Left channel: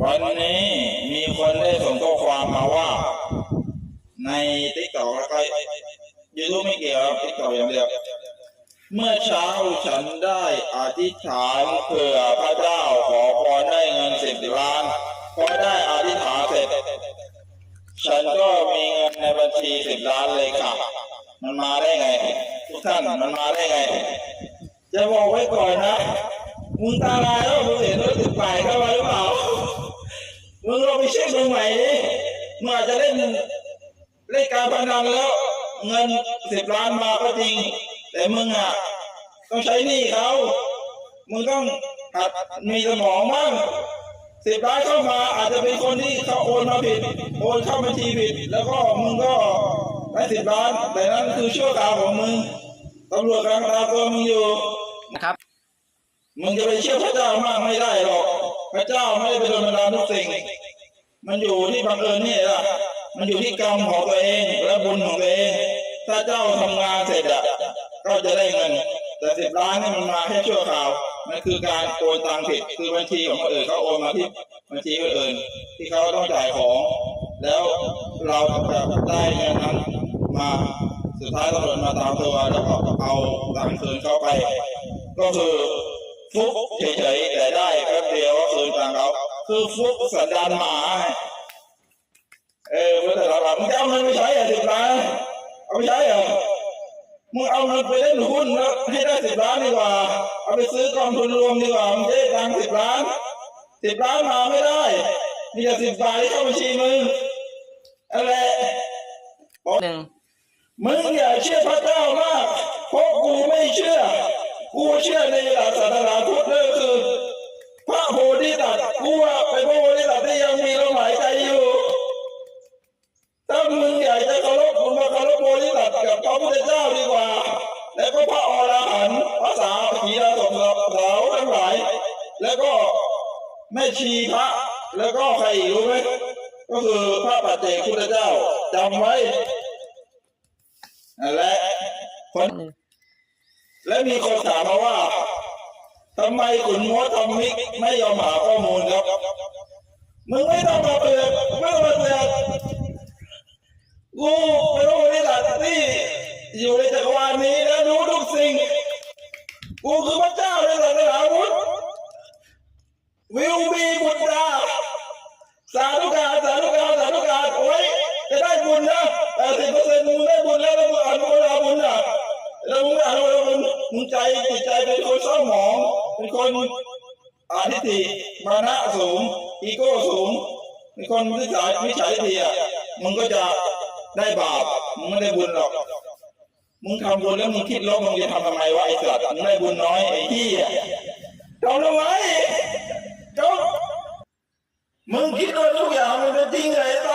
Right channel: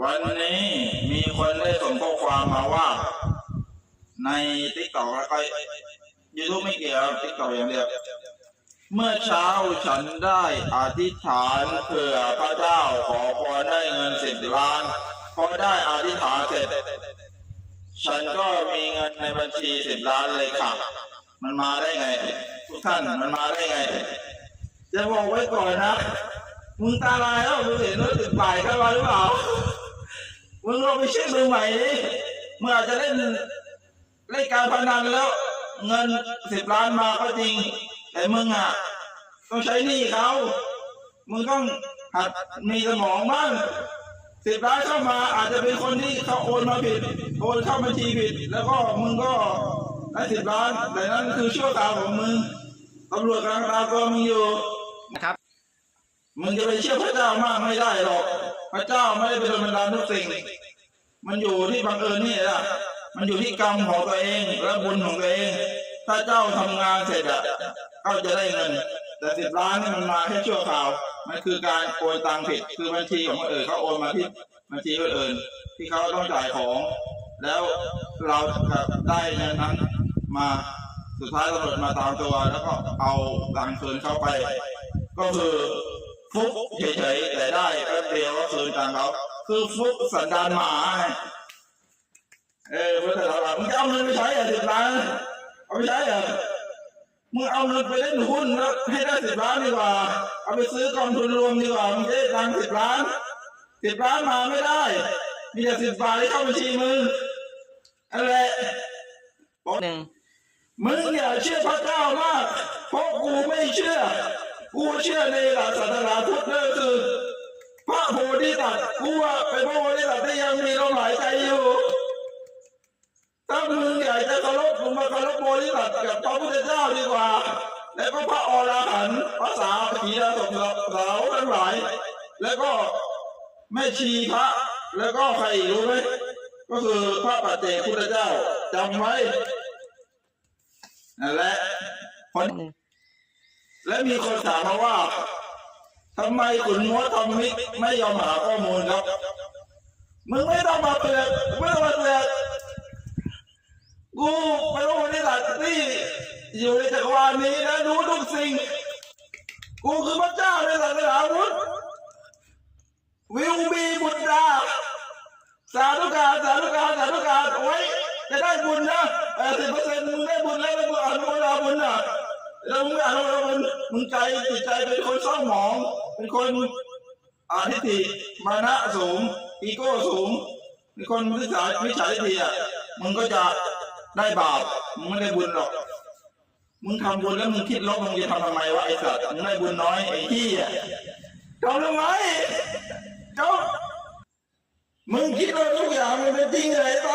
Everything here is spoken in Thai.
วันนี้มีคนได้ส่งข้อความมาว่า ในติ๊กต็อกแล้วก็ยูทูบไม่เกี่ยวติ๊กต็อกอย่างเดียวเมื่อเช้าฉันได้อธิษฐานเผื่อพระเจ้าขอพรได้เงินสิบล้านพอได้อธิษฐานเสร็จ ฉันก็มีเงินในบัญชีสิบล้านเลยค่ะ มันมาได้ไง ทุกท่านมันมาได้ไง จะบอกไว้ก่อนนะ มึงตาลายแล้วมึงเห็นรถติดไปเข้ามาหรือเปล่า มึงลองไปเช็คดูใหม่ดิมึงอาจจะเล่นเล่นการพนันแล้ว เงินสิบล้านมาก็จริง แต่มึงอะต้องใช้หนี้เขามึงต้องหัดมีสมองบ้างสิบล้านเข้ามาอาจจะเป็นคนที่เขาโอนมาผิด โอนเข้าบัญชีผิด แล้วก็มึงก็ได้สิบล้าน แต่นั้นคือชั่วคราของมึงตำรวจกำลังตามตัวมึงอยู่นะครับ มึงจะไปเชื่อพระเจ้ามากไม่ได้หรอก พระเจ้าไม่ได้เป็นคนบันดาลทุกสิ่ง มันอยู่ที่บังเอิญนี่แหละมันอยู่ที่กรรมของตัวเองและบุญของตัวเอง ถ้าเจ้าทำงานเสร็จอะก็จะได้เงิน แต่สิบล้านนี่มันมาแค่ชั่วคราวมันคือการโอนตังค์ผิดคือบัญชีของคนอื่นเขาโอนมาที่บัญชีคนอื่น ที่เขาต้องจ่ายของ แล้วเราได้เงินนั้นมาสุดท้ายตำรวจมาตามตัวแล้วก็เอาตังคืนเข้าไป ก็คือ ฟุกเฉยๆแต่ได้แป๊บเดียวก็คืนตังค์เขาคือฟุกสันดานหมาไงเออเพื่อนเราแบบมึงจะเอาเงินไปใช้เหรอสิบล้านเอาไปใช้เหรอมึงเอาเงินไปเล่นหุ้นแล้วให้ได้สิบล้านดีกว่า เอาไปซื้อกองทุนรวมดีกว่ามึงจะได้ตังค์สิบล้านสิบล้านมาไม่ได้มีแต่สิบบาทที่เข้าบัญชีมึงอะไรหนึ่งมึงอย่าเชื่อพระเจ้ามากเพราะกูไม่เชื่อ กูเชื่อในหลักศาสนาพุทธนั่นคือพระโพธิสัตว์กูว่าเป็นพระโพธิสัตว์ที่ยังมีลมหายใจอยู่ถ้ามึงอยากจะเคารพมึงมาเคารพโพธิสัตว์กับพระพุทธเจ้าดีกว่า แล้วก็พระอรหันต์พระสาวกีฬาสมสาวทั้งหลาย แล้วก็แม่ชีพระ แล้วก็ใครอีกรู้ไหมก็คือพระปัจเจกพุทธเจ้าจำไว้นั่นแหละคน และมีคนถามมาว่าทำไมขุนมัวทำมิกไม่ยอมหาข้อมูลครับ มึงไม่ต้องมาเปลือกไม่ต้องมาเปลือกกูเป็นผู้บริษัทที่อยู่ในจักรวาลนี้และรู้ทุกสิ่ง กูคือพระเจ้าในศาสนาพุทธวิวบี มึงใจจิตใจเป็นคนเศร้าหมองเป็นคนอาทิตย์มานะสูง อีโก้สูงเป็นคนวิสัยวิสัยทีอะมึงก็จะได้บาปมึงไม่ได้บุญหรอก มึงทำบุญแล้วมึงคิดลบมึงจะทำทำไมวะไอ้สัตว์มึงได้บุญน้อยไอ้ที่อะทำทำไมจบมึงคิดว่าทุกอย่างมันเป็นจริงเหรอไอ้ต